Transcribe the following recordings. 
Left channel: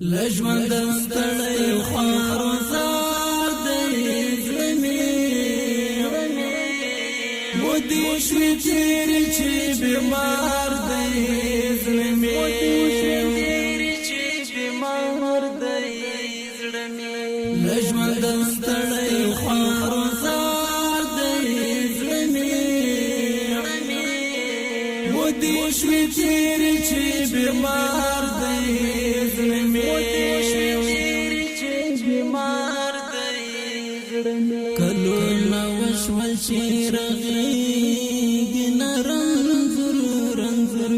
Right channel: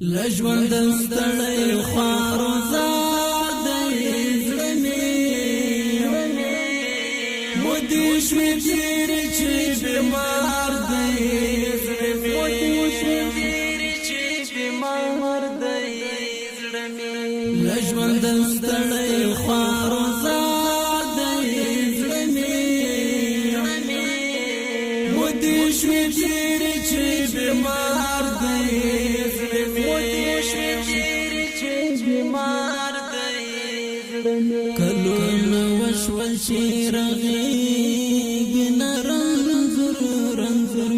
لژوند ستړی خوار زار دی زړه مې مودې شوې تېرې چې بیمار دی زړه مې مودې شوې تېرې چې بیمار دی زړه مې لژوند ستړی خوار زار دی زړه مې مودې شوې تېرې چې بیمار دی زړه مې بیمار دی زړه مې کلونه وشول چې رغېږي نه رنځور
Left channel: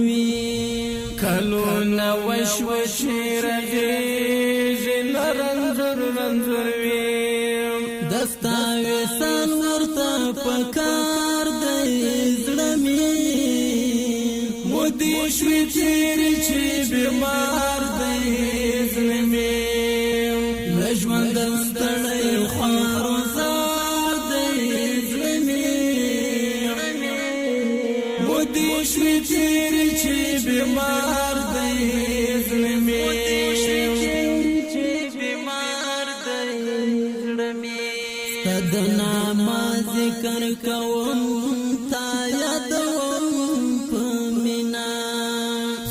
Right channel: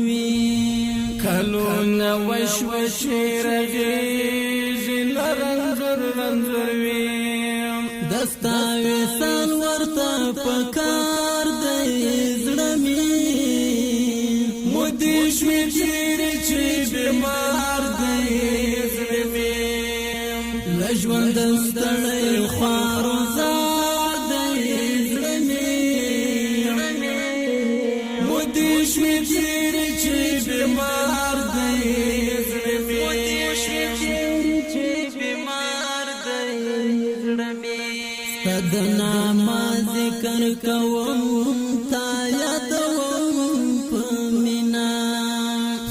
وي کلونه وشول چې رغېږي نه رنځور وي دستا وصال ورته پکار دی زړه مې مودې شوې تېرې چې بیمار دی زړه مې لژوند ستړی خوار زار دی زړه مې مودې شوې تېرې چې بیمار دی زړه مې مودې شوې تېرې چې بیمار دی زړه مې ستا د نامه ذکر کوم تا یادوم په مینه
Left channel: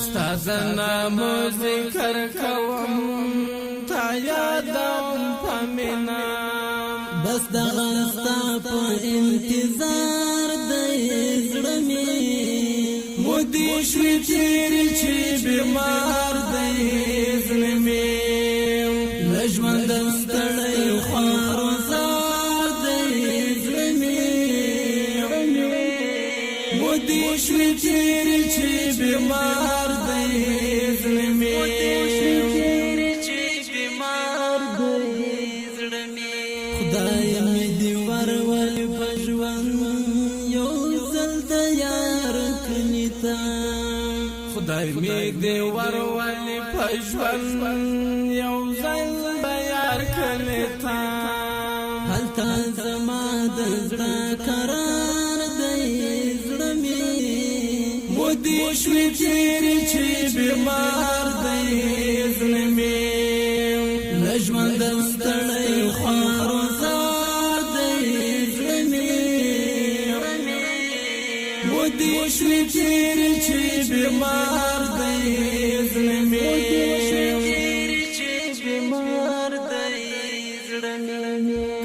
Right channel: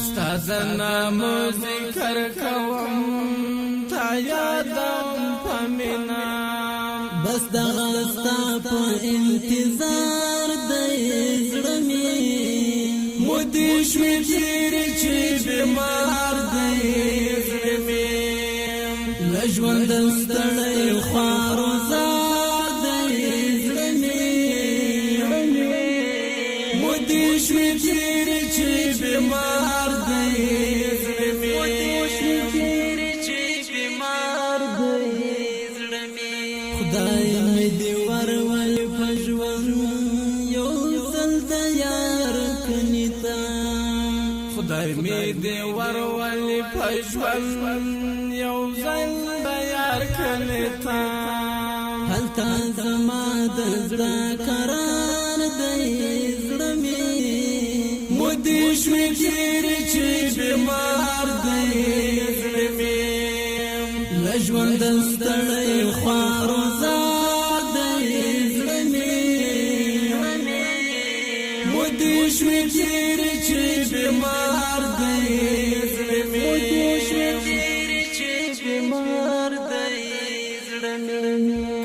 ستا د نامه ذکر کوم بس دغه ستا په انتظار دی زړه مې مودې شوې تېرې چې بیمار دی زړه مې لژوند ستړی خوار زار دی زړه مې مودې شوې تېرې چې بیمار دی زړه مې مودې شوې تېرې چې بیمار دی زړه مې خدای مې دې ورول په ژوند یو ځل د یار کني ته خدای مې دې ورول په ژوند یو ځل د یار کني ته هلته زما د زړه قرار دی زړه مې مودې شوې تېرې چې بیمار دی زړه مې لژوند ستړی خوار زار دی زړه مې مودې شوې تېرې چې بیمار دی زړه مې مودې شوې تېرې چې بیمار دی زړه مې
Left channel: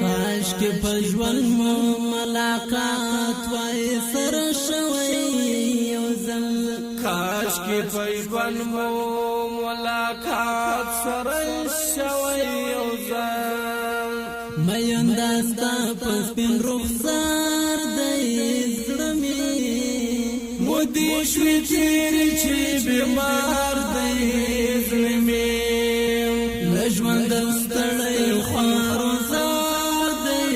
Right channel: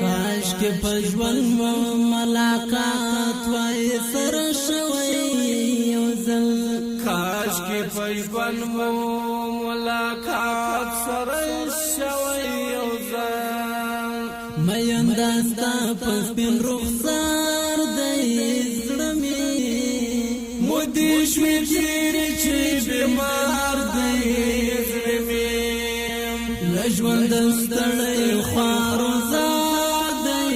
کاشکې په ژوند مو ملاقات وای سره شوی یو ځل کاشکې په ژوند مو ملاقات سره شوی یو ځل مینده ستا په سپین رخسار دی زړه مې مودې شوې تېرې چې بیمار دی زړه مې لژوند ستړی خوار زار دی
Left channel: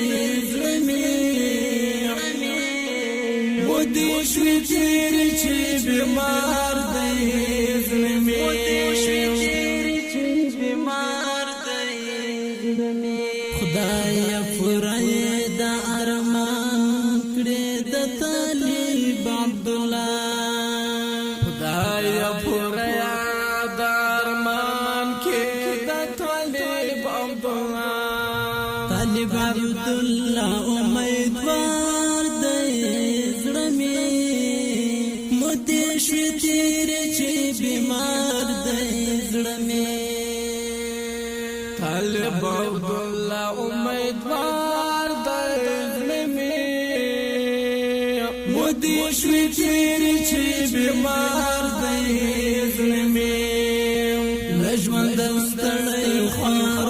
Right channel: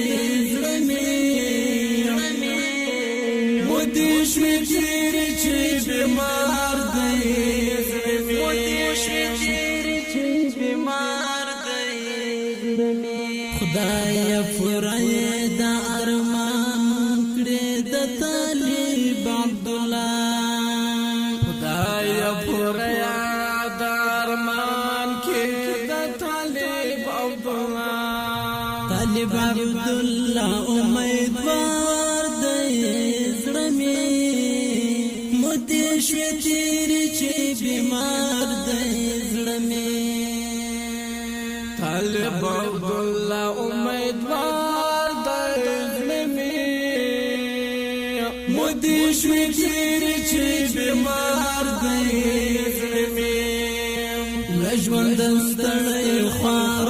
زړه مې مودې شوې تېرې چې بیمار دی زړه مې مودې شوې تېرې چې بیمار دی زړه مې خدای پوره د ارمان کړې د طالب عبدالله خدای پوره د ارمان کړې د طالب عبدالله طالب عبدالله امیدوار دی زړه مې مودې شوې تېرې چې بیمار دی زړه مې طالب عبدالله امیدوار دی زړه مې مودې شوې تېرې چې بیمار دی زړه مې لژوند ستړی خوار